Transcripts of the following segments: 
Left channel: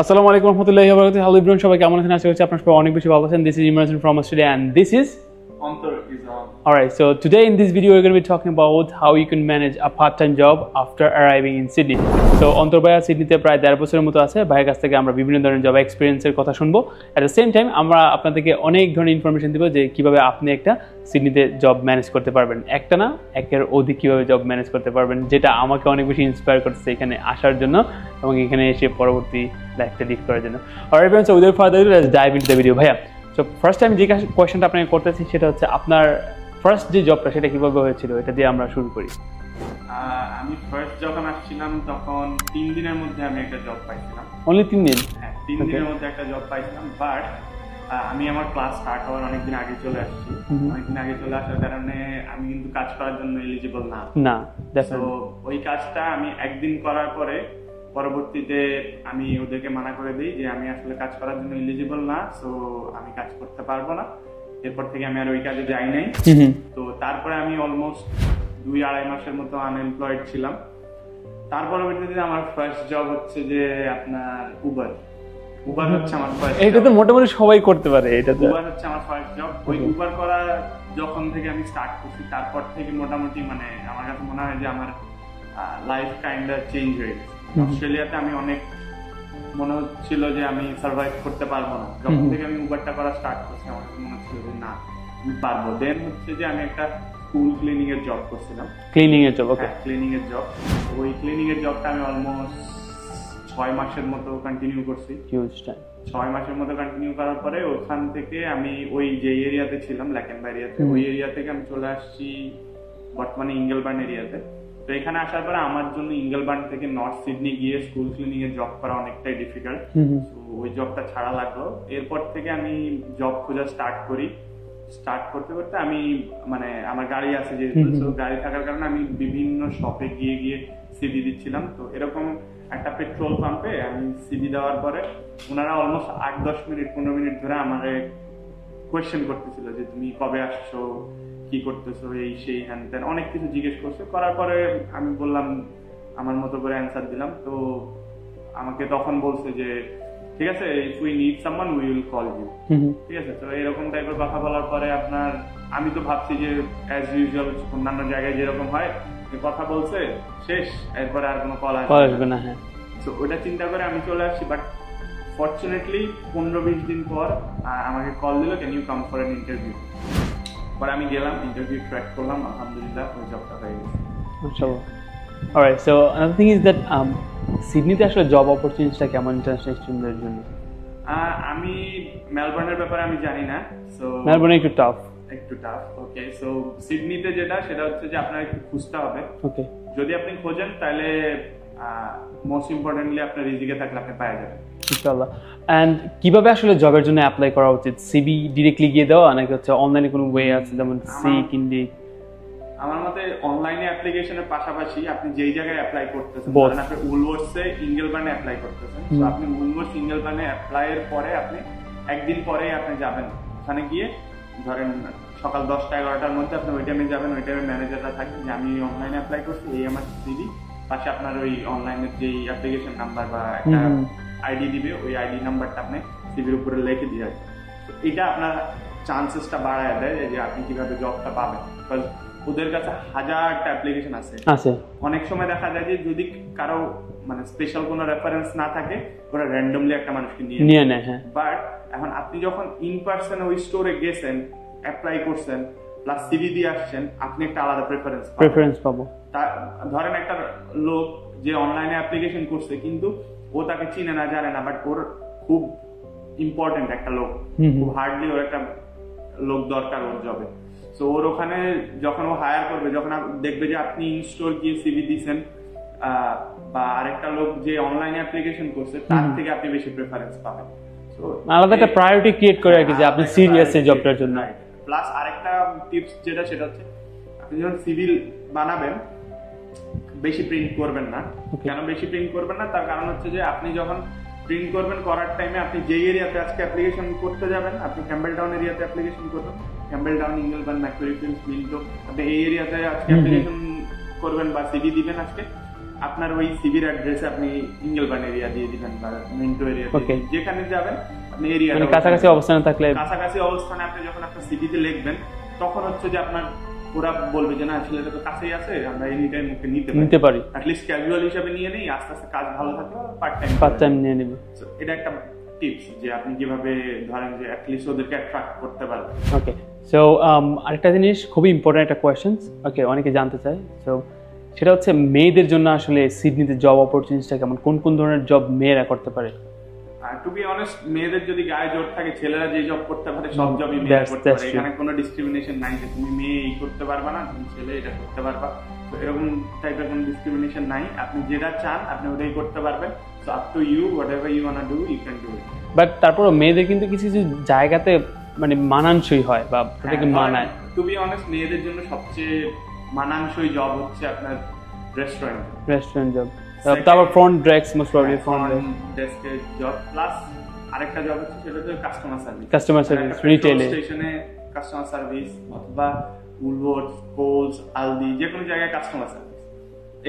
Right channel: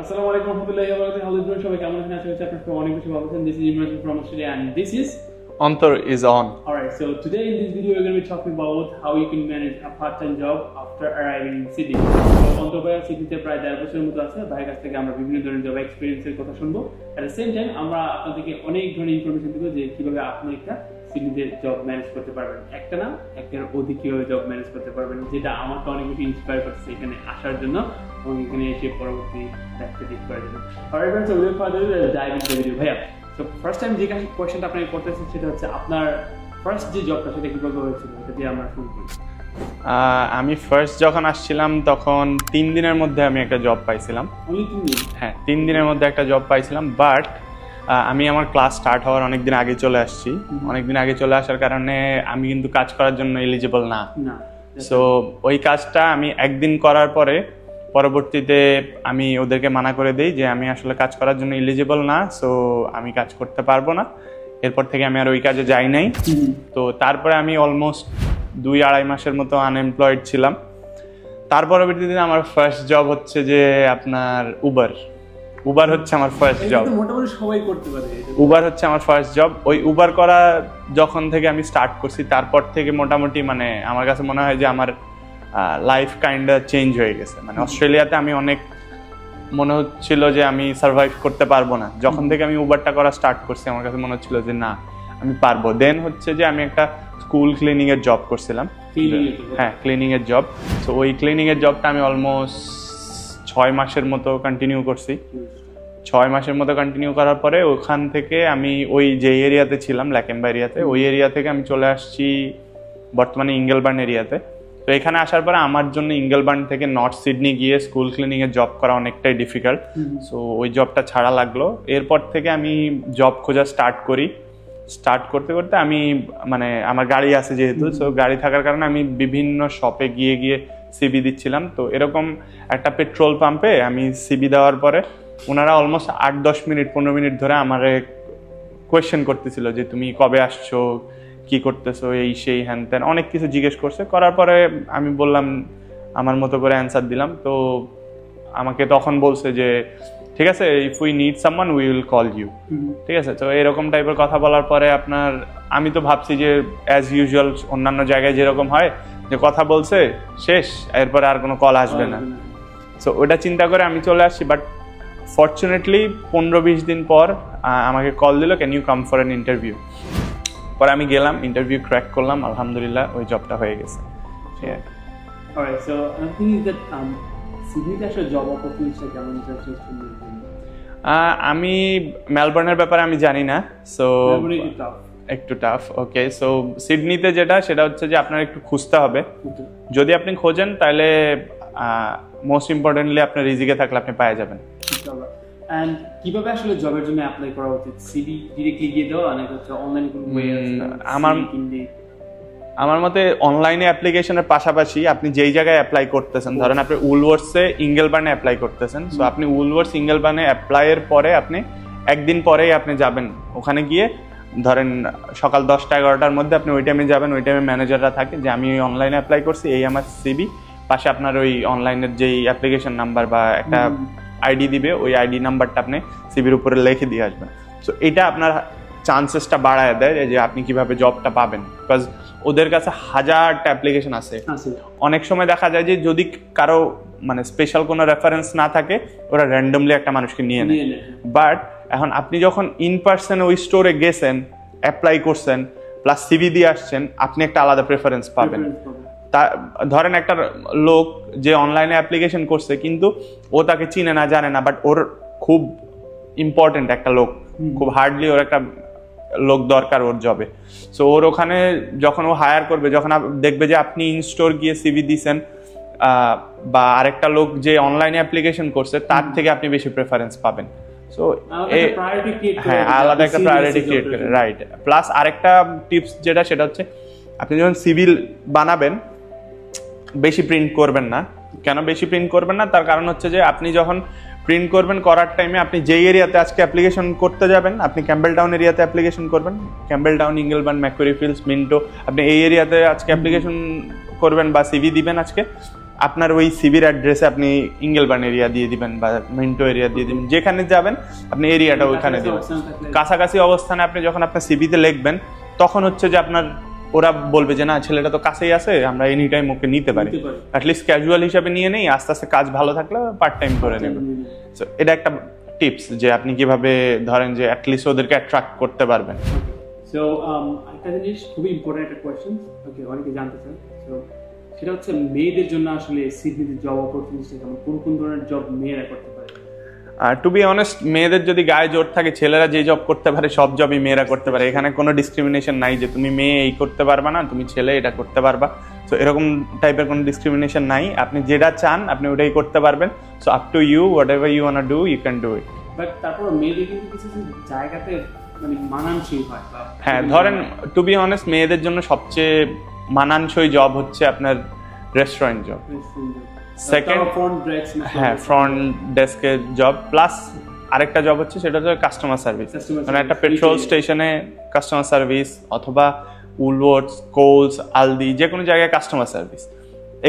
আসসালামু আলাইকুম রহমতুল্লাহি ওয়া বারাকাতুহু। হ্যালো এভরিওয়ান, সবাই কেমন আছেন? আশা করছি আপনারা সবাই অনেক বেশি ভালো আছেন। This is Imran from Australia and this is Antar is on. Alright, so today in this video we're going to be talking about how you can manage a part-time job after arriving in Sydney. So অন্তর ভাইয়া সিডনিতে প্রায় 1.5 বছরের মতো আছে। ভাইয়ের কাছ থেকে আমরা বিভিন্ন ধরনের জব এক্সপেরিয়েন্সের কথা শুনবো। At the same time আমরা আপনাদেরকে অনেক ধরনের ইনফরমেশন দিব যে কিভাবে আপনি একটা সিডনিতে জব ম্যানেজ করতে পারবেন। একটা না, একের অধিক কিভাবে জব ম্যানেজ করতে পারবেন, যেটা আমাকে অনেক বেশি ইন্সপায়ার করতেছে এখানে আসার জন্য এবং এখানে এসে পরবর্তী লাইফটা লিড করার জন্য। Alright friends, so without further ado, let's dive into the video. ভাইয়া, তো ফার্স্ট টাইম যে কোয়েশ্চেনটা আপনাকে করতেছি সেটা হচ্ছে আপনার ফার্স্ট যে জবটা সেটা কিভাবে হয়েছিল, এটা দিয়ে আমরা শুরু করি। আমি ফার্স্ট যখন আসছিলাম তখন 3 দিনের মধ্যে আমি একটা জব পাইছিলাম। অনলি 3 দিন? হ্যাঁ, 3 দিনের মধ্যে একটা জব পাইছিলাম। বাট আমি আমার ক্লাস স্টার্ট হওয়ার অনেকদিন আগে চলে আসছি। অনেকদিন আগে চলে আসার কারণে আমি কিন্তু কাজ করার জন্য এলিজিবল না। সো ওই কাজটা আমি একদিন করার পরে পরবর্তীতে আমি ওদেরকে মানা করে দিই যে আমি আসলে কাজ করার জন্য এলিজিবল না, সো আমি কাজ করতে পারবো না। এরপর থেকে আমি আর ওই কাজে যাই নাই। তো তারপরে আমি অলমোস্ট 2-2.5 মাসের মতো আনএমপ্লয়েড ছিলাম। তার পরবর্তীতে আমার ফার্স্ট জব হচ্ছে যে আপনার উবার হচ্ছে আমার ফার্স্ট জব। এটা তো মোটামুটি সবাই করতে পারে। এটা উবার হচ্ছে আমার ফার্স্ট জব। ওই উবার করা যখন থেকে আমি স্টার্ট করছি তারপর থেকে মোটামুটি মানে আমার কাছে মনে হয় যে আমার লাইফ কাইন্ড চেঞ্জ হয়ে গেছে। মানে অস্ট্রেলিয়াতে আমি অনেক মনে হচ্ছিল যে আমি সার্ভাইভ করতে পারবো না। যখন থেকে আমি উবারটা করা স্টার্ট করছি আমার কাছে মনে হচ্ছিল যে না, আমি পারবো। দেন হচ্ছে যে আমি একটা স্কুল ক্লিনিং এর জব করছিলাম। ক্লিনিং এর জব? হ্যাঁ, ক্লিনিং এর জব। তো ওই ক্লিনিং এর জবটা আমি অলমোস্ট 6 মাসের মতো কন্টিনিউ করছি। 6 মাসের মতো কন্টিনিউ করার পরে ওখান থেকে আমি ওই যে এরিয়াতে ছিলাম, ল্যাকেম্বা এরিয়াতে, ওই এরিয়া থেকে আমি চলে আসছি বর্তমানে ইঙ্গেলবার্ন এরিয়াতে। তো এখানে আসার পরে আমার জন্য ইঙ্গেলবার্ন থেকে নর্থ সিডনি গিয়ে স্কুল ক্লিনিং এর জব করা অনেকটাই ডিফিকাল্ট। সো ওই জবটা ছাড়া লাগলো। এরপর থেকে আমি জব খোঁজা স্টার্ট করি। স্টার্ট করতে করতে আমি মানে আমার গাড়ি আছে যেহেতু, সো গাড়ি থাকার কারণে আমি বিভিন্ন শপে গিয়ে গিয়ে সিবি দিচ্ছিলাম। তো এরকম একটা পেট্রোল পাম্পে আমি সিবি দেওয়ার পরে ওনারা অলমোস্ট 8-10 মিনিট 15 মিনিট ধরে আমারে কোয়েশ্চেন করতেছিল যে তুমি কবে আসছো, কি করতেছো, এই সেই হ্যান ত্যান অনেক কিছু জিজ্ঞেস করছে। করার পরে আমি বললাম, আমার মতো করে অ্যান্সার দিলাম। তো আমাকে তখন বলছে যে ঠিক আছে, if we need someone we will call you. ঠিক আছে। তো এরকম টাইপের কথা বলার পরে আপনার আমি তো ভাবছি যে অ্যাজ ইউজুয়াল অন্যান্য জায়গায় যেরকম হয় যে কথা বলছে শেষ, এরপরে আর কোনো কল আসবে না। সো ওটা চিন্তা করে আমি চলে আসছি। বাট ফরচুনেটলি 15-20 দিন পর আমাকে কল দিল, can you come for an interview. পরে আমি গেলাম, ইন্টারভিউ ক্র্যাক করলাম, আলহামদুলিল্লাহ ওই জবটা হয়ে গেছে। Alright, so another thing is that সিডনিতে আসলে জব অপরচুনিটিটা কেমন ইন্টারন্যাশনাল স্টুডেন্টদের জন্য? আমি মেলবোর্নের ব্যাপারে আমি জানি না। সো মেলবোর্ন একটু টাফ। ওকে, সো সিডনিতে সেটা হচ্ছে যে আপনার একটু খুঁজতে হবে। যদি আপনি খোঁজেন তাহলে মোস্ট ইম্পর্টেন্টলি আপনার রিজিকে থাকলে আপনি পেয়ে যাবেন ইনশাআল্লাহ। এন্ড কিভাবে আসলে জবের জন্য অ্যাপ্লাই করা উচিত? সিভি ডিরেক্টলি গিয়ে দেওয়া নাকি হচ্ছে অনলাইনে কোনো ওয়ে আছে? যেমন আমার মতে অনলাইনে অ্যাপ্লিকেশনের পাশাপাশি আপনি যেই জায়গায় অ্যাপ্লাই করতেছেন, ধরেন আপনি উলওয়ার্সে ইঙ্গেলবার্নে অ্যাপ্লাই করতেছেন, সো আপনি উলওয়ার্স ইঙ্গেলবার্নে অ্যাপ্লাইয়ের পরে আপনি একদিন পরেই আপনি যাবেন ওখানে গিয়ে, ধরেন সকাল 10টা-11টার মধ্যে আপনি ওই টাইমে যাবেন। ওই টাইমে ম্যানেজাররা থাকে যে আমি অনলাইনে অ্যাপ্লাই করছি, এই আমার সিবি, পাশে আপনার ওই অনলাইনের যেই অ্যাপ্লিকেশন নাম্বার বা একটা আইডি দিবে, ওই আইডি নাম্বারটা আপনি সিবির উপরে লিখে দিয়ে আসবেন। সো এটা আপনার চান্সেসটা বাড়ায় দেয় যে আপনি কিভাবে জবটা পাবেন, বিকজ ওদের কাছে হাজারটা অ্যাপ্লিকেশন আছে। অনেক সময় দেখা যায় যে যদি কারো মানে স্পেশাল কোনো রেফারেন্স না থাকে, ওরা র্যান্ডমলি একটা মানুষকে নিয়ে নেয়। বাট এখন আপনি যখন ইন পার্সন ওই স্টোরে গেছেন, অ্যাপ্লাই করছেন, প্লাস সিভি দিয়ে আসছেন, আপনি একটা আলাদা প্রেফারেন্স পাবো। ধরেন একটা লোক যে অনলাইনে অ্যাপ্লিকেশন করছে কিন্তু ও তাকে চিনে না, জানে না, বাট ওর খুব ইম্পর্টেন্ট একটা লোক, খুব হার্ডলি ওর একটা লোক দরকার ওর জবে। সো ওর ওখানে যখন ও হায়ার করবে, যখন দেখবে যে আপনি ইন স্টোর গিয়ে সিভি দিয়েছেন বা আরেকটা লোক যে অনলাইনে অ্যাপ্লিকেশন করছে তার থেকে আপনি বেশি প্রেফারেন্স পাবেন। সো আলাদা একটা প্রায়োরিটি ক্রিয়েট করে রাইট। প্লাস আরেকটা টিপস সেটা হচ্ছে আপনি যখন সিভিল বানাবেন বেশি প্রিন্ট করবেন না। কেন বেশি প্রিন্ট করবেন না? তার কারণ হচ্ছে যে আপনি যখন প্রিন্ট করবেন করার টাইমে আপনি যেই এরিয়াতে আজকে অ্যাপ্লিকেশন করতে যাবেন, আপনি ক্যাম্বেলটাউন এরিয়াতে অ্যাপ্লিকেশন করবেন, ক্যাম্বেলটাউন, ইঙ্গেলবার্ন, ম্যাকুয়ারি ফিল্ডস, মিন্টো, আপনি এই এরিয়াতে আজকে অ্যাপ্লিকেশন করবেন বা সিভি দিবেন আজকে, আপনার ওই সিভির অ্যাড্রেসে আপনি ইঙ্গেলবার্ন এরিয়া দিয়ে দিবেন বা মিন্টো এরিয়া দিয়ে দিবেন, যেখানে যাবেন আপনি এরিয়াটা কাছাকাছি অবস্থানে থাকলে, কাছাকাছি অবস্থানে আপনি যখন আপনার সিভিতে লিখবেন তখন হচ্ছে যে আপনার ওরা বলবে যে না ছেলেটা তো কাছেই আছে, আমরা এনি টাইম ওকে নিতে পারি, অ্যাটলিস্ট ক্যাজুয়াল হিসাবে নিয়ে নেই, আস্তে আস্তে কাজ ভালো থাকলে পার্ট টাইম নিয়ে নেব। এটা একটা টিপস যে আপনি কিভাবে ধরেন যে অ্যাটলিস্ট ওদেরকে অ্যাট্রাক্ট করতে পারবেন। ওকে, সো আরেকটা জিনিস খুবই ইম্পর্টেন্ট একটা কোয়েশ্চেন, ওকে, অনেকে জানতে চায়, সো সেটা হচ্ছে মেয়েদের জন্য আসলে সিডনিতে জব অপরচুনিটিটা কেমন, কোন কোন ধরনের জব মেয়েরা করতে পারে? টু বি অনেস্ট, মেয়েদের যদি গায়ে জোর থাকে, ছেলেরা যে জব করতে পারে সব জবই মেয়েরা করতে পারে। এখানে কোনো ডিসক্রিমিনেশন নাই যে তুমি মেয়ে এই করতে পারবা না, তুমি ছেলে এটা করতে পারবা। সো এরকম টাইপের কোনো ডিসক্রিমিনেশন নাই, আপনি যেটা চান আপনি ওটাই করতে পারবেন। So up to you, whatever you want to do you can do it. But তারপরও মেয়েদের কিন্তু কিছু কিছু জায়গাতে মানে মানানসই হয় বা হ্যাঁ, ধরেন টু বি অনেস্ট মেয়েদের জন্য সবচেয়ে মানানসই জব হচ্ছে আপনার রেস্টুরেন্ট জব। তারপর ফ্রন্ট ডেস্কের জব, প্লাস আরেকটা জব হচ্ছে সেটা হচ্ছে কাস্টমার সার্ভিস। একটা পেট্রোল স্টেশনে কাস্টমার সার্ভিস, অথবা উলওয়ার্ডস, কোলস, আলদি, যে কোনো জায়গায় কাস্টমার সার্ভিস,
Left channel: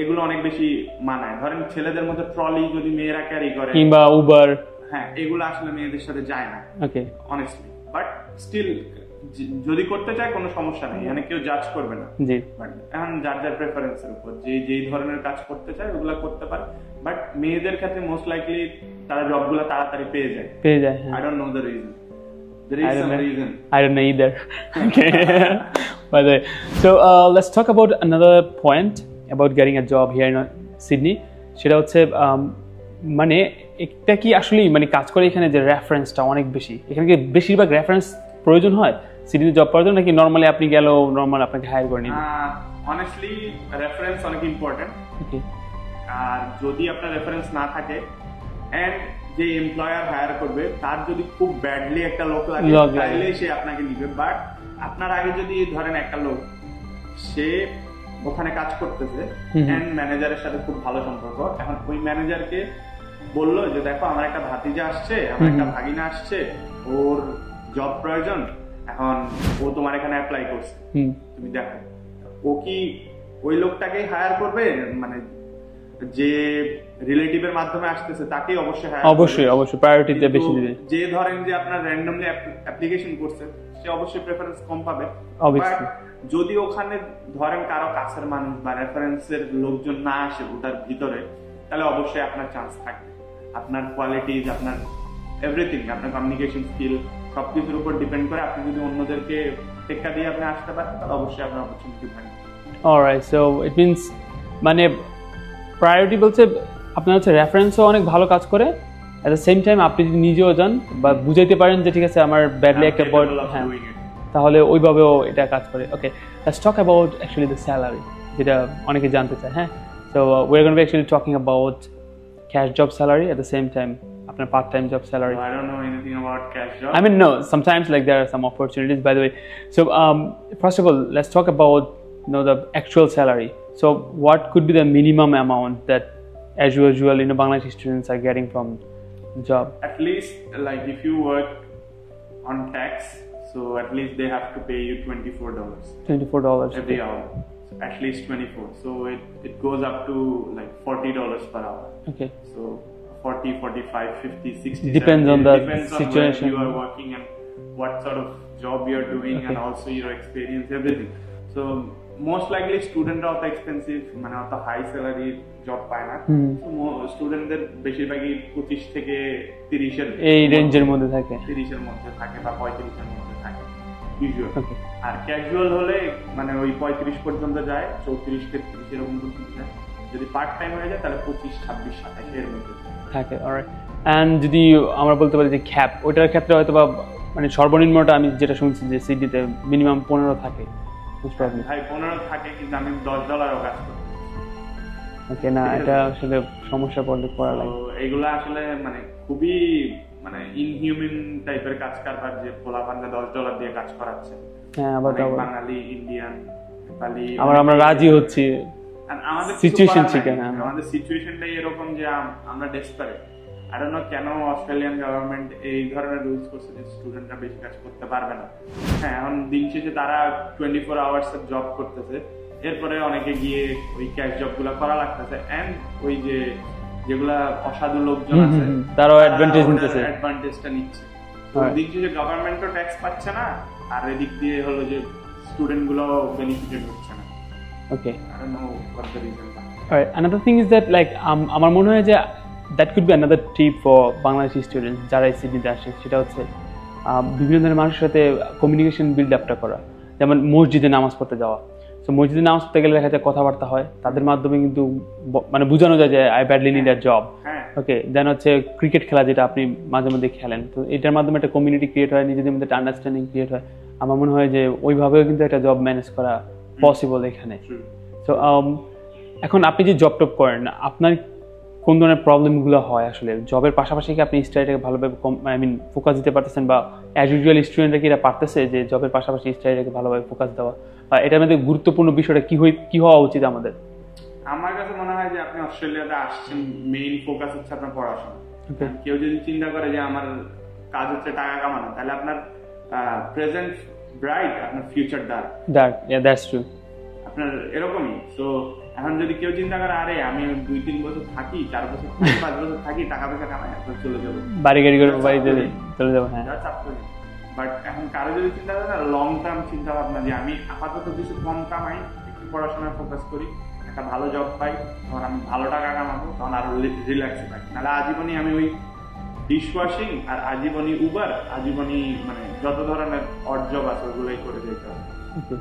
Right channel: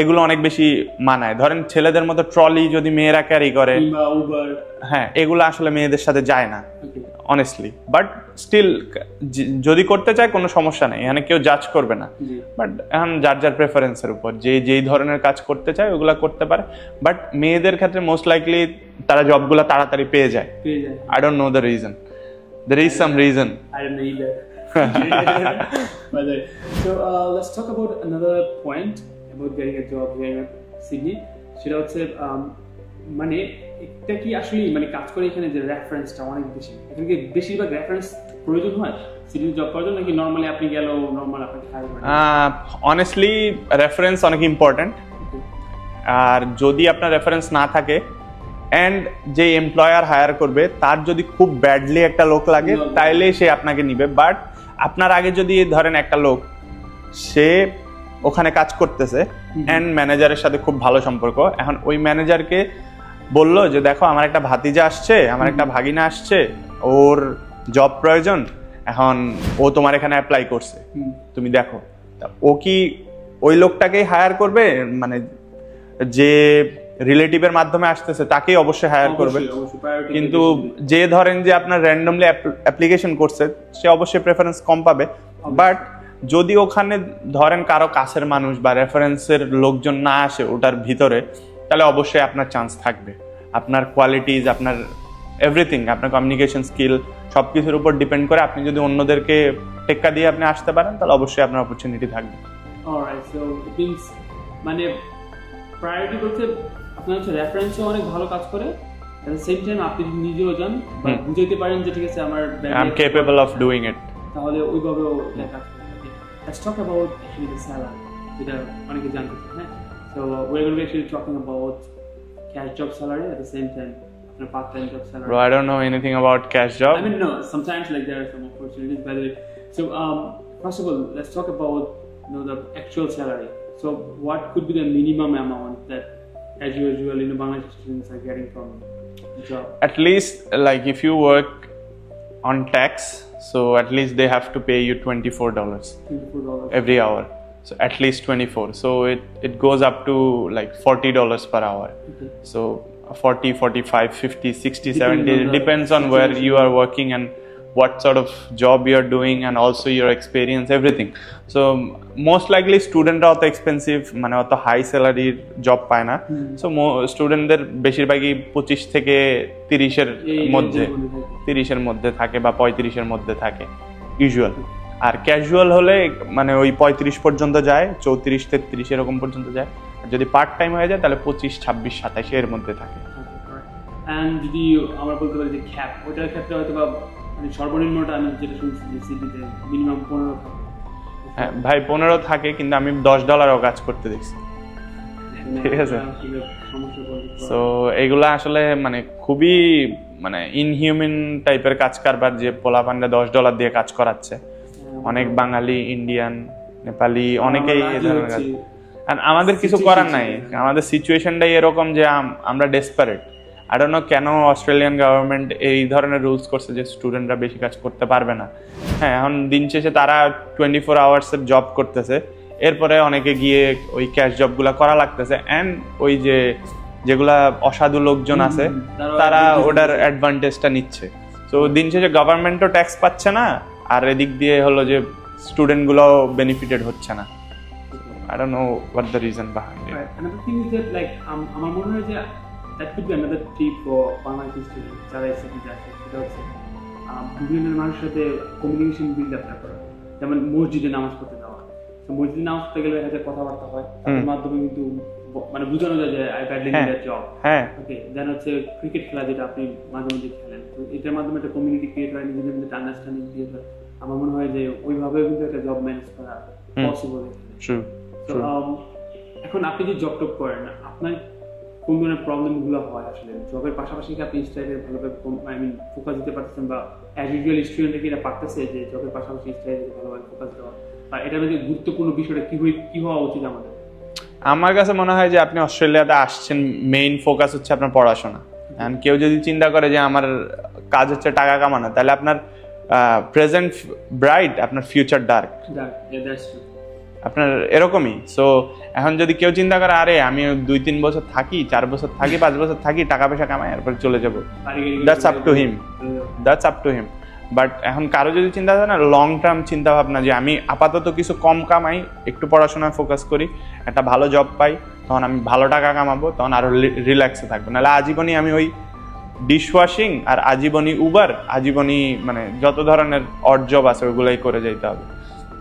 এগুলো অনেক বেশি মানায়। ধরেন ছেলেদের মতো ট্রলি যদি মেয়েরা ক্যারি করে কিংবা উবার, হ্যাঁ এগুলো আসলে মেয়েদের সাথে যায় না অনেস্টলি। বাট স্টিল যদি করতে চায় কোনো সমস্যা নেই, এখানে কেউ জাজ করবে না। বাট এখন যার যার প্রেফারেন্সের উপর যে যেই ধরনের কাজ করতে চায় ওগুলা করতে পারে। বাট মেয়েদের ক্ষেত্রে মোস্ট লাইকলি তারা জবগুলো তাড়াতাড়ি পেয়ে যায়। I don't know the reason, there is some reason. I don't know either. By the way, so let's talk about another point about getting a job here in Sydney. সেটা হচ্ছে মানে এটা কি আসলে মানে কাজ করে এখানে যে রেফারেন্সটা অনেক বেশি, এখানে কি বেশিরভাগ রেফারেন্স প্রয়োজন হয় সিডনিতে জব করার জন্য, নাকি নরমালি আপনি গেলেও নরমাল আপনাকে হায়ার করে নেন? অনেস্টলি রেফারেন্স অনেক ইম্পর্টেন্ট। আর যদি আপনার রেফারেন্স না থাকে এন্ড যে এমপ্লয়ার হায়ার করবে তার যদি খুব ব্যাডলি একটা লোক লাগে তাইলে সে আপনাকে নিবে। বাট আপনার আগে যদি ধরেন একটা লোক সে ওখানে কাজ করতেছে এন্ড ম্যানেজারের সাথে খুব ভালো সম্পর্ক, এখন ওই ম্যানেজারকে বললো যে দেখো আমার একটা ভাতিজা আসছে, আমার একটা ভাগিনা আসছে, ওর জব প্রয়োজন, এখন ও তোমার এখানে অ্যাপ্লাই করছে, তুমি দেখো, ও কি ওই লোকটাকেই হায়ার করবে? মানে যে রিলেটিভের মাধ্যমে আসতেছে তাকেই অবশ্যই হায়ার করবে, অবশ্যই প্রায়োরিটি দিবে। কিন্তু যে ধরেন যে আপনার র্যান্ডমলি অ্যাপ্লিকেশন করছে সে অবশ্যই প্রেফারেন্স কম পাবে। বাট যদি ওখানে ধরেন কারো কাছের মানুষ বা রেফারেন্সের লোকজন না আসে ওটার ভিতরে, তাহলে অবশ্যই আপনার চান্স থাকবে। আপনার কোয়ালিটিজ, আপনার এভরিথিং, আপনার কমিউনিকেশন স্কিল সবকিছুর উপর ডিপেন্ড করে। আপনি যদি অন্যদেরকে টেক্কা দিয়ে আপনি আসতে পারেন তাহলে অবশ্যই আপনার অপরচুনিটি থাকবে। অলরাইট, সো ইট মিন্স মানে প্রায়োরিটি বলতে আপনার হচ্ছে রেফারেন্সও অনেক ভালো কাজ করে, এট দ্য সেম টাইম আপনি যদি নিজেও যান বা বুঝাইতে পারেন যে ঠিক আছে আমার badly capable of doing it, তাহলে ওইভাবেও এটা কাজ করে। Okay, let's talk about actually the salary, যেটা অনেকে জানতে চায়। হ্যাঁ, so we are going to actually talking about cash job salary at the same time আপনার part time job salary. I don't know anything about cash job. I mean, no, sometimes like there are some opportunities, by the way. So first of all, let's talk about the actual salary. So what could be the minimum amount that as usual Bangladeshi students are getting from the job? At least like if you work on tax, so at least they have to pay you $24 every hour. So at least 24. So it goes up to like $40 per hour. Okay. So 40, 45, 50, 60, 70, depends on where you are working and what sort of job you are doing, and also your experience, everything. So most likely স্টুডেন্টরা অত expensive মানে অত high স্যালারির job পায় না। So স্টুডেন্টদের বেশিরভাগই 25 থেকে 30-এর এই রেঞ্জের মধ্যে থাকে, 30-এর মধ্যে থাকে বা 35-এর মধ্যে থাকে ইউজুয়াল। আর ক্যাজুয়াল হলে মানে ওই 35 পর্যন্ত যায়, 34, 33 এরকম পর্যন্ত যায়। যদি পার্ট টাইম হয়ে যায় তাহলে 25, 26, 27 এর মধ্যে থাকে। অলরাইট, এন্ড যদি আমরা বলতে পারি যে ক্যাপ, ওইটার ক্ষেত্রে হয়তো বা মানে সর্বনিম্নটা আমি যেটা শুনছি যে সিডনিতে মিনিমাম 15 থাকে। ভাই 15 থাকে, কিন্তু আমি $10 কাজ করতে দেখছি। সমস্যা পড়লে তো এগুলা আসলে মানে খুবই মানে ইনহিউম্যান টাইপের কাজ কারবার, যে পোলাপানরা $10 দিয়ে কাজ করাচ্ছে। অনেক বাঙালি, ইন্ডিয়ান, নেপালি অনেকে রাজি হচ্ছে। আমাদের কিছু করার নাই, আমাদের সিচুয়েশনটাই এরকম যে আমরা ডেসপারেট। আই ডোন্ট নো কেন অস্ট্রেলিয়ান গভর্নমেন্ট এই ধরনের রুলস করছে যে স্টুডেন্টরা বেশি কাজ করতে পারবে না। হ্যাঁ, এখন দিন শেষে তারা 24 আওয়ার্স এর জব করতেছে, এরপরে অনেকে গিয়ে ওই ক্যাশ জবগুলা করা লাগতেছে, এন্ড ওই যে যেগুলা অসাধু লোকজন আছে তারা ওটার অ্যাডভান্টেজটা নিচ্ছে। তো দিন শেষে গভর্নমেন্টও ট্যাক্স পাচ্ছে না, আর এদিক দিয়ে হলো যে স্টুডেন্ট গুলোও বেনিফিটেড হচ্ছে না। Okay, I don't know what the reason behind it. Alright, another thing is that like আমার মনে হয় যে that could be another tip for Bangladeshi students যারা এই সিটিতে আসে, সেটা হচ্ছে বিভিন্ন ধরনের মানুষের সাথে কমিউনিকেশন বিল্ড আপটা করা। যেমন মসজিদে নামাজ পড়তে যাওয়া, তো মসজিদে নামাজ পড়তে গেলে দেখা যায় কথাবার্তা হয়, তাদের মাধ্যমে কিন্তু মানে বোঝানো যায় যে I badly need a job. Okay, then হচ্ছে ক্রিকেট খেলা, যেটা আপনি মাঝে মধ্যে খেলেন, তো এটার মাধ্যমে একটা কমিউনিটি ক্রিয়েট হয়, নিজেদের মধ্যে একটা আন্ডারস্ট্যান্ডিং ক্রিয়েট হয়। আমার মনে হয় যে ওইভাবেও কিন্তু একটা জব ম্যানেজ করা পসিবল এখানে। তো এখন আপনি যে জব টপ করেন, আপনার কোন ধরনের প্রবলেমগুলো হয় আসলে জবের পাশাপাশি? কি আপনি স্টাডিটাকে ভালোভাবে ফোকাস দিতে পারতেছেন, বা অ্যাজ ইউজুয়াল স্টুডেন্টরা কি এটা পারতেছে যে জবের পাশাপাশি স্টাডিটাকে ভালোভাবে ফোকাস দেওয়া, বা এটার মধ্যে গুরুত্বপূর্ণ বিষয়টা কি হওয়া উচিত আমাদের? আমার কাছে মনে হয় যে আপনি অস্ট্রেলিয়াতে আসছেন, মেইন ফোকাস হচ্ছে আপনার পড়াশোনা। কেউ যদি চিন্তা করে যে আমার কাজ হচ্ছে টাকা কামানো, তাহলে আপনার প্রেজেন্ট ব্রাইট, আপনার future dark. Yeah, that's true. আপনার এরকমই। সো এখন যদি কেউ চিন্তা করে আরে আমি 2-3 বছর থাকি, 4 বছর থাকি, 5 বছর থাকি, টাকা পয়সা কামাই, এরপর চলে যাবো, বাড়ি গাড়ি করে that's up to him. But এখন কারো যদি চিন্তা করে না, লং টার্ম চিন্তা ভাবনা, যে আমি আপাতত কিছু কম কামাই, একটু পড়াশোনায় ফোকাস করি, একটা ভালো জব পাই, তখন আমি ভালো টাকা কামাবো, তখন আরো রিল্যাক্সে থাকবো। নাহলে আজীবনই আমি ওই ডিশওয়াশিং আর আজীবনী উবার, আজীবনী মানে যত ধরনের অড জব আছে ওইগুলাই করে যেতে হবে।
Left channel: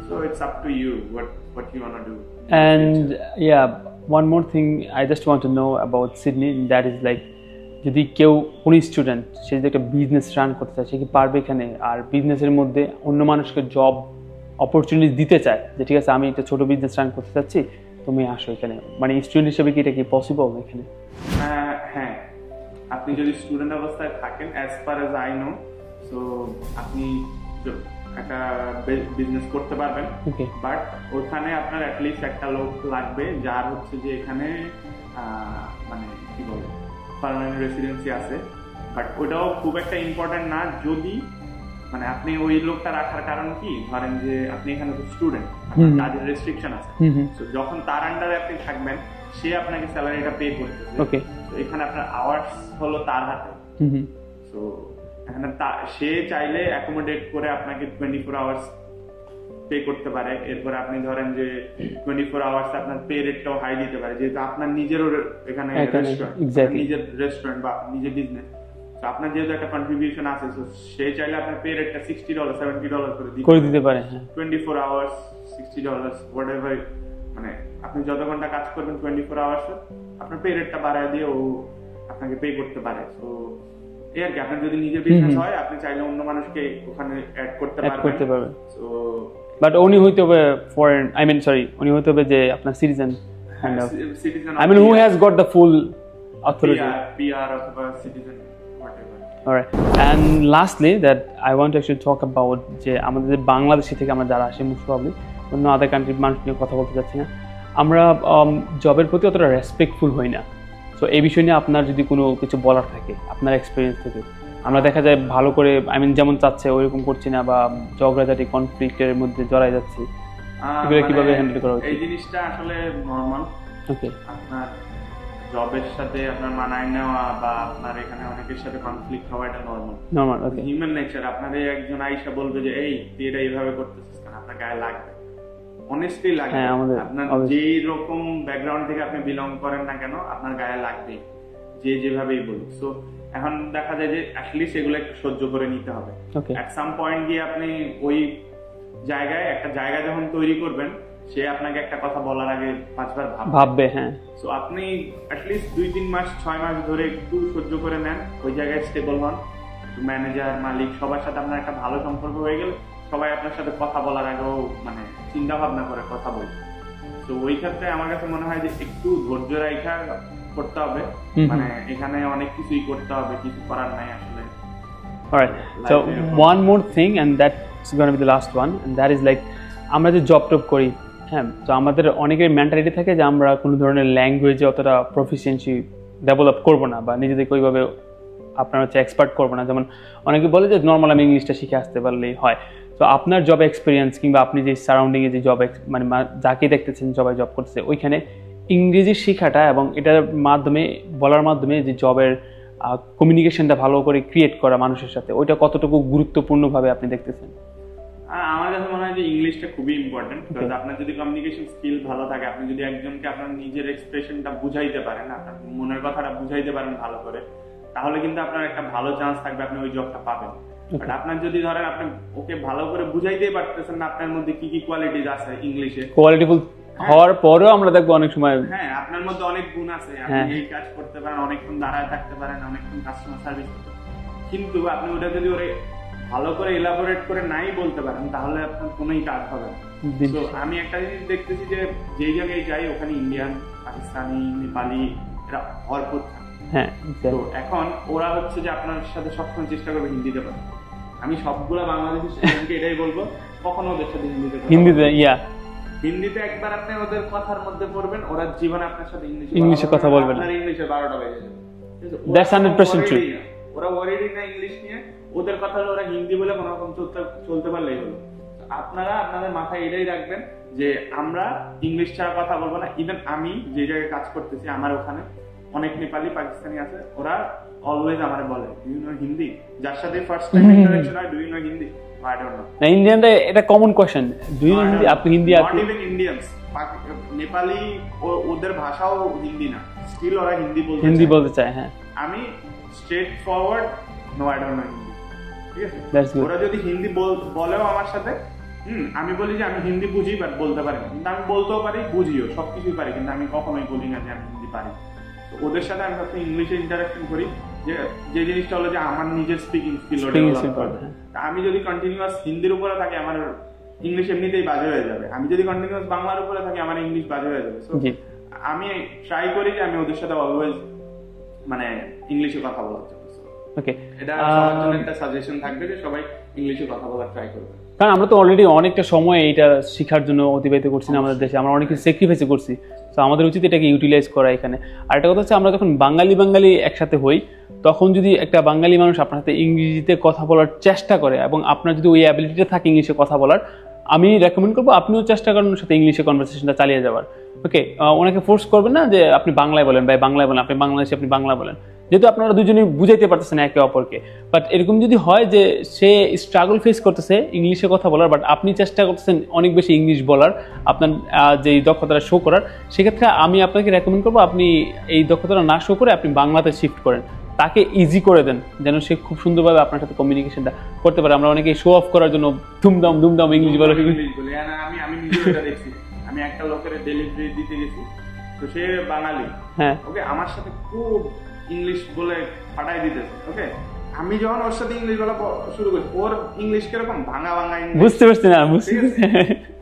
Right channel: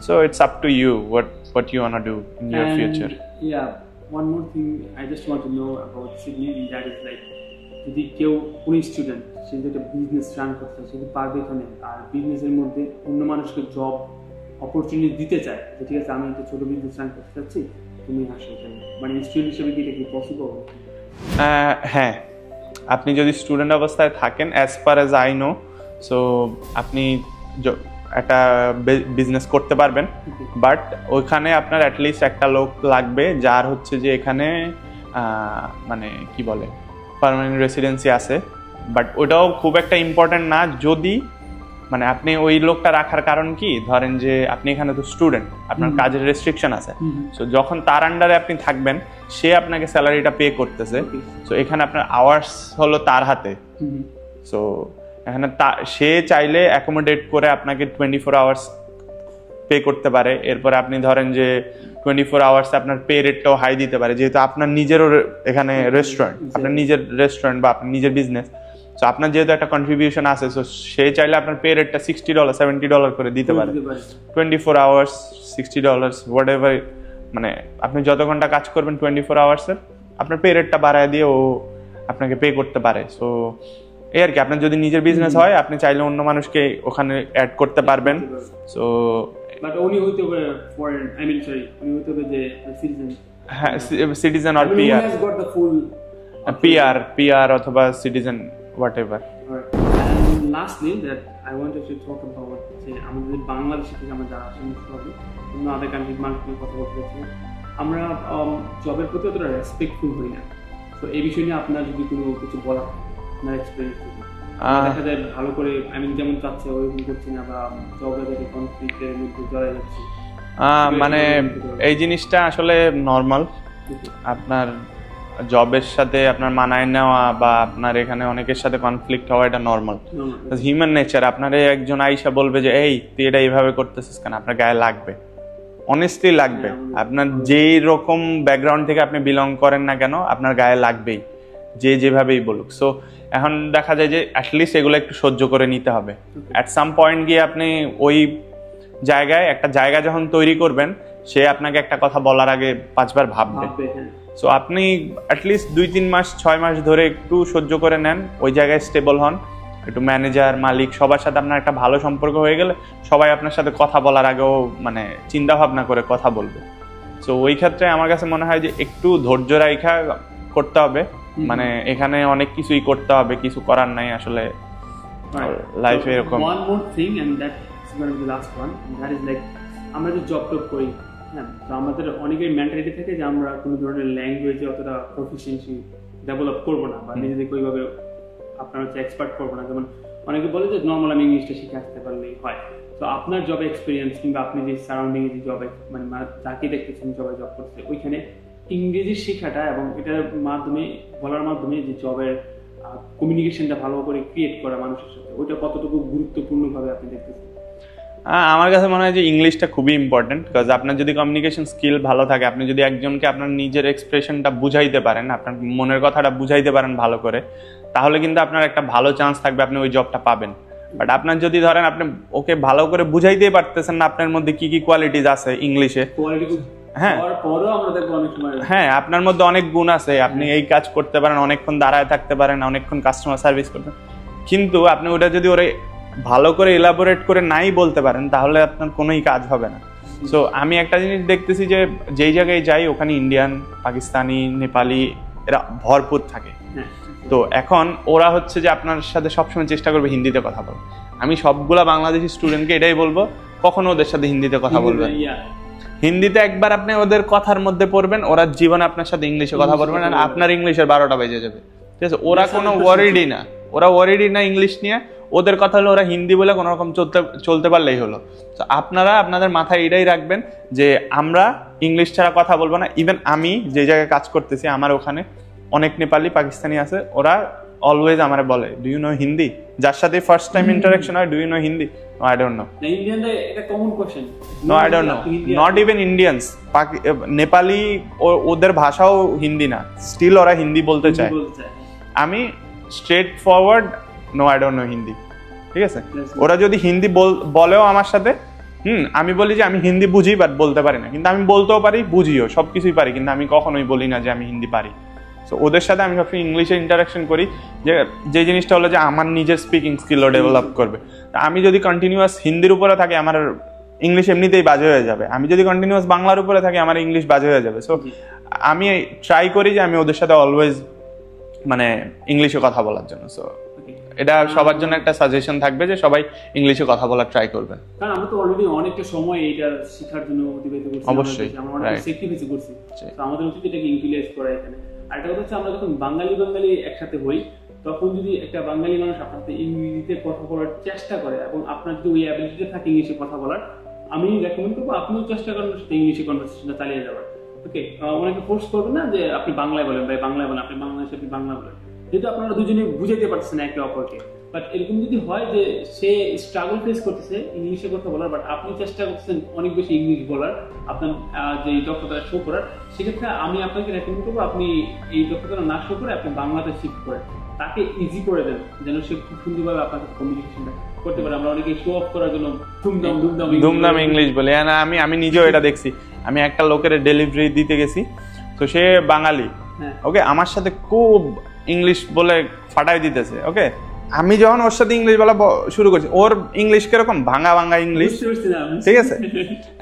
So it's up to you what you want to do in your future. Yeah, one more thing I just want to know about Sydney, that is like যদি কেউ কোন স্টুডেন্ট সে যদি একটা বিজনেস রান করতে চায়, সে কি পারবে এখানে? আর বিজনেসের মধ্যে অন্য মানুষকে জব অপরচুনিটি দিতে চায় যে ঠিক আছে আমি একটা ছোট বিজনেস রান করতে চাচ্ছি, তুমি আসো এখানে, মানে স্টুডেন্ট হিসেবে কি এটা কি পসিবল এখানে? হ্যাঁ, আপনি যদি স্টুডেন্ট অবস্থায় থাকেন, as far as I know, so আপনি একটা বিজনেস করতে পারবেন। বাট ওইখানে আপনার অ্যাটলিস্ট একটা লোক লাগবে যার হচ্ছে যে এখানে মানে কি বলে পার্মানেন্ট রেসিডেন্সি আছে। বাট ওটাও খুব একটা ইম্পর্টেন্ট না, যদি মানে আপনি ওই লোকটা রাখার কারণ কি, ধরেন যে আপনি এখানে তো স্টুডেন্ট, আপনার কাজের রেস্ট্রিকশন আছে, সো যখন তার আন্ডারে আপনি থাকবেন, সে আপনাকে স্যালারিটা পে করতেছে, সো এখানে আপনার আওয়ার্স হলো তার হাতে। সো এখানে সে চাইলে অ্যাকোমোডেট করে আপনাকে 24 আওয়ার্স পে করতে পারে। এরপরে আপনি ধরেন যে 24 আওয়ার্স আপনার পে রেটটাও হাই দিতে পারে, যেহেতু আপনার নিজেরও এখানে রেস্টুরেন্ট, আপনার নিজের রেস্টুরেন্ট বা আপনার নিজের বিজনেস, সো আপনার যেহেতু একটা কন্ট্রিবিউশন আছে, সো সে চাইলে আপনার পে রেটটা $60 $70 করে দিতে পারে। 24 আওয়ার্স $60 হোয়াট এভার, মানে আপনি যত ঘন্টা কাজ করবেন 24 আওয়ার্সের, আপনার পে রেটটা বাড়ায় দিয়ে ও আপনাকে পে করতে পারে। সো এই আর কি, আপনার যদি নিজের বিজনেস হয়, আপনি চাইলে অন্য মানুষকে ওখানে অ্যাড করতে পারবেন। সো বাট উনি হইতে হবে ফরেন, উনি হইতে হবে যে আপনার সিটিজেন। হ্যাঁ, সিটিজেন আর who has got the full PR অথবা citizen whatever. Alright, and lastly that I want to actually talk about যে আমাদের বাংলাদেশি থেকে আমরা যারা আসি, মোস্ট প্রবলি অন্য আদার কান্ট্রির মানুষ নিয়ে কথা বলতে চাচ্ছি না, আমরা জবের প্রতি অতটা রেসপেক্টফুল হই না। সো এই বিষয় নিয়ে আপনার যদি কোনো কিছু বলার থাকে আপনার এক্সপিরিয়েন্স থেকে, আমরা দেখা যায় ভালো করে যেমন চাচ্ছে ওইরকম করছি না, বা ঝগড়াঝাটি কনফ্লিক্টের মধ্যে জড়াই যাচ্ছি, মানে এই জিনিসটা আসলে নরমাল। আপনার জবের সাথে আপনার মানায় নেওয়া বা আপনার এখানে অনেকের সাথে কনফ্লিক্ট হওয়া, এটা নরমাল হিউম্যান নেচার। আপনার একজন আইসা বলবে যে এই তুই এটা এইভাবে করতেছিস কেন, আপনার গায়ে লাগবে, অনেস্টলি লাগবে। আপনার যেই রকম ব্যাকগ্রাউন্ড থেকে আপনি বিলং করেন না কেন, আপনার গায়ে লাগবেই, যে যেভাবেই বলুক। সো এখন দেখা যায় যে অ্যাটলিস্ট এগুলো একটু সহ্য করে নিতে হবে। অ্যাট সাম পয়েন্ট গিয়ে আপনি ওই জায়গায় একটা জায়গা যখন তৈরি করবেন, সে আপনাকে একটা কথা বলার আগে 5 বার ভাববে। হ্যাঁ, সো আপনি অ্যাটলিস্ট 2-3 মাস 6 মাস ধরে একটু সহ্য করে নেন, ওই জায়গায় স্টেবল হন, একটু ম্যানেজার মালিক সবার সাথে আপনার একটা ভালো সম্পর্ক হয়ে গেলে সবাই আপনার সাথে কথা বলার আগেও মানে চিন্তা ভাবনা করে কথা বলবে। সো ওই ক্ষেত্রে আমার কাছে মনে হয় যে একটু ধৈর্য রাখা করতে হবে, মানে এখানে অনেক কিছুই করতে হবে, কিছু করার নাই আসলে লাইফে। One more thing and that's gonna be the last one, that is like আমরা যে জব টপ করি, হ্যাঁ, তো আমাদের অনেকের মেন্টালিটি থাকে যে আমরা কোনো ধরনের ল্যাঙ্গুয়েজে অতটা প্রফিসিয়েন্সি ডেভেলপ করবো না, বা নিজেদেরকে ওইভাবে আপনার হচ্ছে এক্সপার্ট করবো না, যেমন অনেকে বলে যে নর্মাল আমি ইংলিশটা শিখে আসতে পারলেই হয়। তো আপনার জব এক্সপিরিয়েন্স কিংবা আপনি যে সারাউন্ডিংয়ে যে জব মানে যাকে দেখতেছেন সবাই জব করতেছে, ওইখানে ইংরেজি শেখাটা এবং এটার মাধ্যমে বলার মাধ্যমে যে জবের কমিউনিকেশনটা ভালো করে ক্রিয়েট করা মানুষের সাথে, ওইটা কতটুকু গুরুত্বপূর্ণভাবে আপনি দেখতেছেন? আমার কাছে মনে হয় যে ইংলিশটা খুবই ইম্পর্টেন্ট, বিকজ আপনার যদি কমিউনিকেশন স্কিল ভালো থাকে, আপনি যদি একজনকে আপনার নিজের এক্সপ্রেশনটা বুঝাইতে পারেন, আপনার মনের কথাটা বুঝাইতে পারেন ভালো করে, তাহলে কিন্তু আপনার একটা ভালো চান্স থাকবে আপনি ওই জবটা পাবেন। বাট আপনার যদি ধরেন আপনি ওকে ভালো করে বুঝাইতেই পারতেছেন না আপনার মধ্যে কি কি কোয়ালিটিজ আছে ইংলিশে, কোয়ালিটিফুল হওয়ার পরেও আমরা দেখবো অনেক সময় হ্যাঁ আপনার মধ্যে অনেক গুণ আছে, আপনি এই কাজ করতে পারেন, অনেকক্ষণ দাঁড়ায় থাকতে পারেন, অনেকক্ষণ কাস্টমার সার্ভিস করতে, কিন্তু আপনি ওটা যদি ওরা ভালো করে এলাবোরেট করে নাই বলতে পারেন, তাহলে আপনার কোনোই কাজ হবে না। তো আমি একটা জিনিস দেখতেছি যে যেই জায়গায় যাই ওখানে ইন্ডিয়ান, পাকিস্তানি, নেপালি এরা ভরপুর থাকে। তো এখন ওরা হচ্ছে যে আপনার সাথে সবসময় চেষ্টা করবে হিন্দিতে কথা বলতে। আমি সবগুলা বাংলাদেশি স্টুডেন্টকে এটাই বলবো, কখনো ওদের সাথে হিন্দিতে কথা বলবেন। হিন্দিতে একবার আপনি ওদের কথার মধ্যে পড়বেন, ওরা জীবনে আপনার সাথে ইংলিশে কথা বলবেন, আপনার ইংলিশের 12টা বেজে যাবে। ঠিক আছে, ওরা কোনো ওয়ারিডই না, ওরা ওয়ারিডই না ইংলিশ নিয়ে। ওদের কথা হলো ওরা হিন্দি বলে কোনো রকম চলতে পারলেই হলো। তো আপনারা আপনাদের মাথায় এটাই রাখবেন যে আমরা ইংলিশ ছাড়া কথা বলবো না। ইভেন আমি যে জায়গায় কাজ করতেছি আমার ওখানে অনেক নেপালি, পাকিস্তানি আছে, ওরা অলওয়েজ আমারে বলে ডু ইউ নো হিন্দি, যার সাথে ফার্স্ট টাইম ইন্টারঅ্যাকশন হয়, do you know Hindi? I don't know. না, ইন্ডিয়ানরা এটা common question, do you know Hindi? Not even Indians, Nepali ওদের ভাষাও হিন্দি না, স্টিল ওরা হিন্দি বলতে চায়। হ্যাঁ, আমি straight forward no, I don't know Hindi. ঠিক আছে, ওরা যদি হিন্দি বলেও আমার সাথে, আমি বলি যে আমি হিন্দি বুঝি বাট বলতে পারি না, কিন্তু আমি বলতেও পারি, বুঝিও, সবকিছুই পারি, কিন্তু আমি কখনোই বলি না যে আমি হিন্দি পারি। তো ওদের সাথে আমি সবসময় ইংলিশে ইন্টারাকশন করি, যে জিনিসটা হলো যে আমার নিজের স্পিকিং স্কিলও ডেভেলপ করবে। আমি যদি কন্টিনিউয়াস হিন্দির উপরে থাকি আমার ইংলিশ এমনিতেই বাজে হয়ে যাবে, আমি যদি কন্টিনিউয়াস বাংলার উপরে থাকি আমার ইংলিশ বাজে হয়ে যাবে। সো আমি ট্রাই করি যে আমি ওদের সাথে অলওয়েজ মানে ইংলিশে কথা বলার জন্য। সো এটা সবার জন্য একটা সাজেশন থাকবে যে সবাই ইংলিশে কথা বলার ট্রাই করবেন, কারণ আমরা তো অলরেডি অনেকটা সময় এটা শেখার জন্য অতিবাহিত করছি আমাদের দেশে, আমরা অনেক স্যাক্রিফাইস করছি। তো আমাদের উচিত এটাকে ইউটিলাইজ করা এখানে। আর একটা কথা হচ্ছে, আমরা যখন বাঙালি একসাথে হই, তখন যদি একটা বাঙালি মানুষ আপনার সাথে ইংরেজিতে কথা বলার চেষ্টা করে এবং আপনার যদি ওই অ্যাবিলিটিটা থাকে ইংলিশে কথা বলার, আমি রেকমেন্ড করবো আপনিও চেষ্টা করেন ওর সাথে ইংলিশে কনভারসেশনটা চালিয়ে যাওয়ার। ওকে, ওনাকে ফোর্স করবেন না যে আপনি বাংলায় বলেন ভাই, বাংলায় বলেন, আপনি বাংলাদেশে আপনি বাংলা বলেন, যেহেতু আপনারা দুজনে বুঝাইতে পারতেছেন একে অপরকে। বাট এরকম যদি হয় যে সে স্ট্রাগল ফেস করতেছে ইংলিশে কথা বলার, বাট আপনি চেষ্টা করতেছেন অনেক বেশি ইংলিশ বলার, আপনার যে দক্ষতাটা শো করার, সেক্ষেত্রে আমি আপনাকে রেকমেন্ড করবো আপনি এই দক্ষতাটা না শো করে আপনি বাংলাতে শিফট করেন, তাকে ইজি করে দেন যেন সে খুব সুন্দরভাবে আপনার সাথে কমিউনিকেশনটা করতে পারে। আমরা অনেকে শো অফ করার জন্য ধুমধাম ইংলিশ বলে, আমি নিজেও এটা দেখছি। আমি একটা লোকের ডেলিভারি দিতে গেছি, তো সে বাঙালি, হ্যাঁ ওকে, আমার সাথে খুব ইংলিশ বলে ফাটাই দিতেছে। ওকে, আমি যখন ওর সাথে ইংলিশ বলা শুরু করছি, ওর ইংলিশ কিরকম ভাঙা ইংলিশ, বুঝতে পারছি না, ঠিক আছে।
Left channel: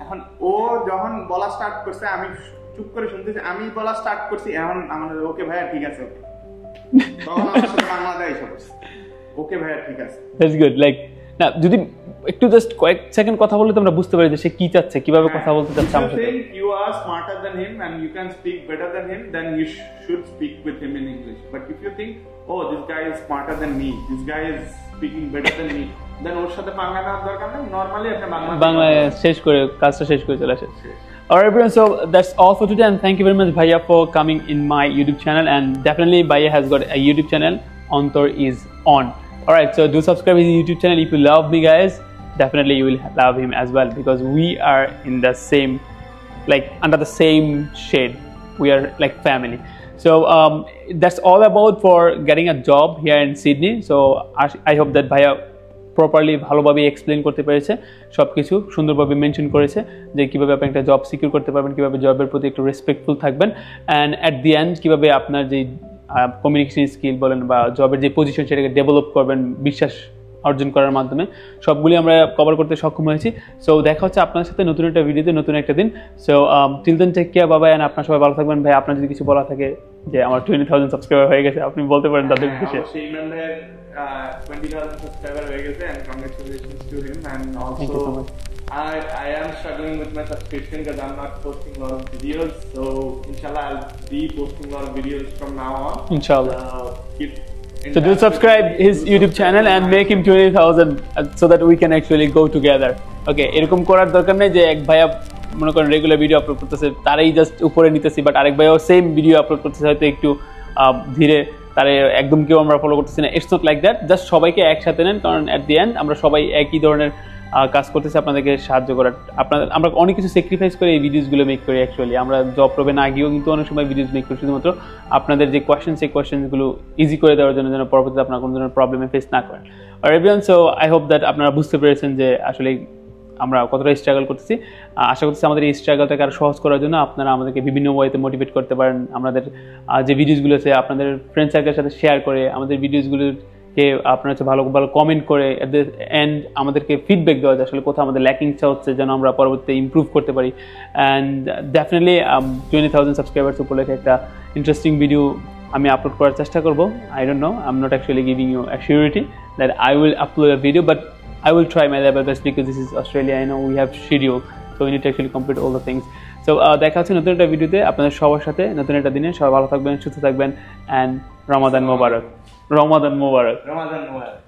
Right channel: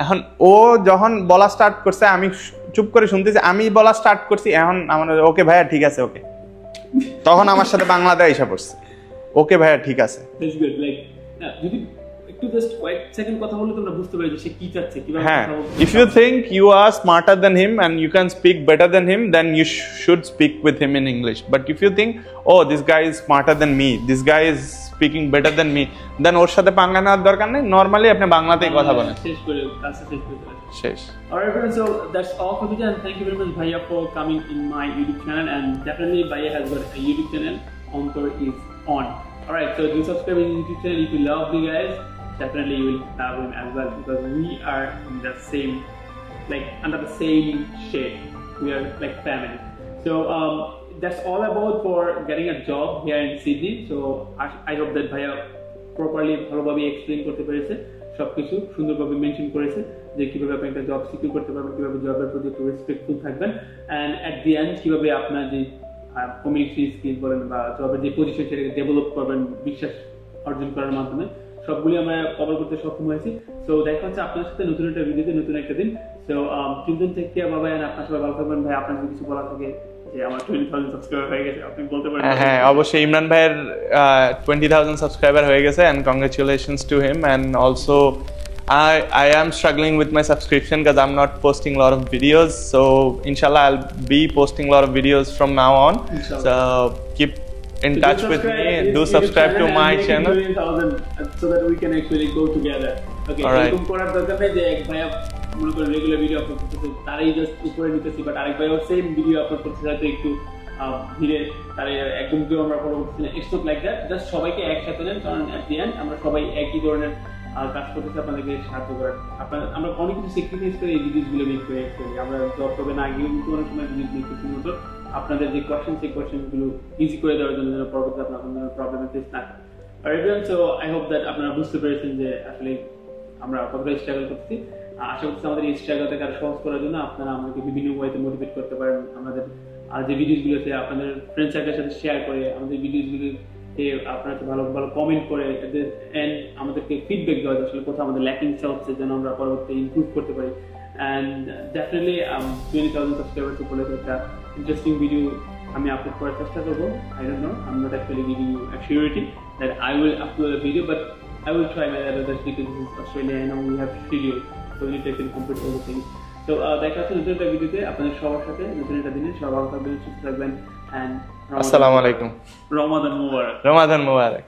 এখন ও যখন বলা স্টার্ট করছে আমি চুপ করে শুনতেছি, আমি বলা স্টার্ট করছি, এখন আমার ওকে ভাইয়া ঠিক আছে, ওকে, তখন আমার সাথে বাংলাতে এসে পড়ছে, ওকে ভাইয়া ঠিক আছে, দ্যাটস গুড। লাইক না, যদি একটু জাস্ট কয়েক সেকেন্ড কথা বললে তো আমরা বুঝতে পারি যে সে কি চাচ্ছে, কিভাবে কথা বলতে চাচ্ছে। If you think you are smarter than him and you can speak better than him, then you should speak with him in English. But if you think, oh, this guy is smarter than me, this guy is speaking better than me, then ওর সাথে পাঙ্গা নেওয়ার দরকার নেই, normally আপনি বাংলাতেই কথা বলেন, শেষ করে কাজটা শেষ করে চলে আসে। Alright everyone, so that's all for today, and thank you very much Bhaiya for coming in my YouTube channel, and definitely Bhaiya has got a YouTube channel, Antor is on. Alright, so do subscribe his YouTube channel if you love me guys. Definitely you will love him as well, because we are in the same, like under the same shade, we are like family. So that's all about for getting a job here in Sydney. So I hope that Bhaiya properly ভালোভাবে explain করতে পেরেছে, সবকিছু সুন্দরভাবে mention করেছে যে কিভাবে আপনি একটা জব সিকিউর করতে পারবেন, কিভাবে জবের প্রতি একটু রেসপেক্টফুল থাকবেন, অ্যান্ড অ্যাট দি এন্ড কিভাবে আপনার যে কমিউনিকেশন স্কিল বলেন বা জবের যে পজিশন সেটাকে ডেভেলপ করবেন বিশ্বাস অর্জন করার মাধ্যমে। সবগুলি আমরা কভার করতে সক্ষম হয়েছি। সো দেখা হচ্ছে আপনার সাথে নতুন একটা ভিডিওতে নতুন একটা দিন। So till then take care, বাবা, এন্ড আপনার সবাই ভালো থাকবেন। ভাই আপনার যদি কিছু বলা থাকে, যে আমার 20,000 সাবস্ক্রাইবার হয়ে গেছে, আপনি বলতে পারেন। হ্যাঁ অবশ্যই, ইমরান ভাইয়ের 20,000 সাবস্ক্রাইবার হয়ে গেছে, and congratulations to him, and also I am struggling with my subscription because I'm not posting a lot of videos, so inshallah I'll be posting a lot of videos from now on. Inshallah. So keep in So do touch with subscribe me, his do YouTube subscribe channel to and my make him channel. 20,000 so that we can actually go together. Okay, Alright. এরকম করার দরকার নেই যে এক ভাইয়া মনে করেন regular video upload করতেছে তারাই জাস্ট উপরে নিতেছি, বাট আরেক ভাইও সেম ভিডিও আপলোড করতেছে হয়তো একটু ধীরে, তারে একদম কেউ আমরা ফলো করতেছি না। It's not like that, just সবাইকে একসাথে নেন, কারণ অ্যাট দি এন্ড আমরা সবাই একই ধরনের কাজ করতেছি আপনাদেরকে সাহায্য করার। আপনাদের আমরা অনেক কিছু স্যাক্রিফাইস করে এই ভিডিওসগুলো মেক করি। অ্যাকচুয়ালি আমরা জব প্রবে না গিয়েও কিন্তু অনেক সময় ভিডিওস মেক করি শুধুমাত্র আপনাদের যে কোয়েশ্চেন, সেই কোয়েশ্চেনগুলো ইজি করে দেওয়ার জন্য, যেন পরবর্তীতে আপনার কোনো ধরনের প্রবলেমে ফেস না করেন। আর everyone, so I hope that আপনারা বুঝতে পেরেছেন যে আসলে আমরা কতটা স্ট্রাগল করতেছি। আশা করছি আমাদের এই স্ট্রাগলটাকে আরও সহজ করার জন্য আপনারা আমাদেরকে বিভিন্ন ওয়েতে মোটিভেট করতে পারেন। আমাদের যে ভিডিওসগুলো আছে আপনাদের ফ্রেন্ড সার্কেলের সাথে শেয়ার করে, আমাদের ভিডিওসগুলোকে আপনারা হচ্ছে ভালো ভালো কমেন্ট করে অ্যান্ড আমাদেরকে ফিডব্যাক দেওয়া যায় আসলে কোথাও আমাদের ল্যাকিংসটা হচ্ছে, যেন আমরা পরবর্তীতে ইমপ্রুভ করতে পারি। অ্যান্ড ডেফিনেটলি 20,000 সাবস্ক্রাইবার্স উপলক্ষে একটা ইন্টারেস্টিং ভিডিও আমি আপলোড করার চেষ্টা করবো। I don't know, I am not actually giving you assurity that I will upload a video, but I will try my level best because this is Australia. I know we have schedule, so we need to actually complete all the things. So দেখা হচ্ছে নতুন একটা ভিডিওতে আপনাদের সবার সাথে, নতুন একটা দিনে। সবাই ভালো থাকবেন, সুস্থ থাকবেন, and Ramadan Mubarak. Ramadan Mubarak.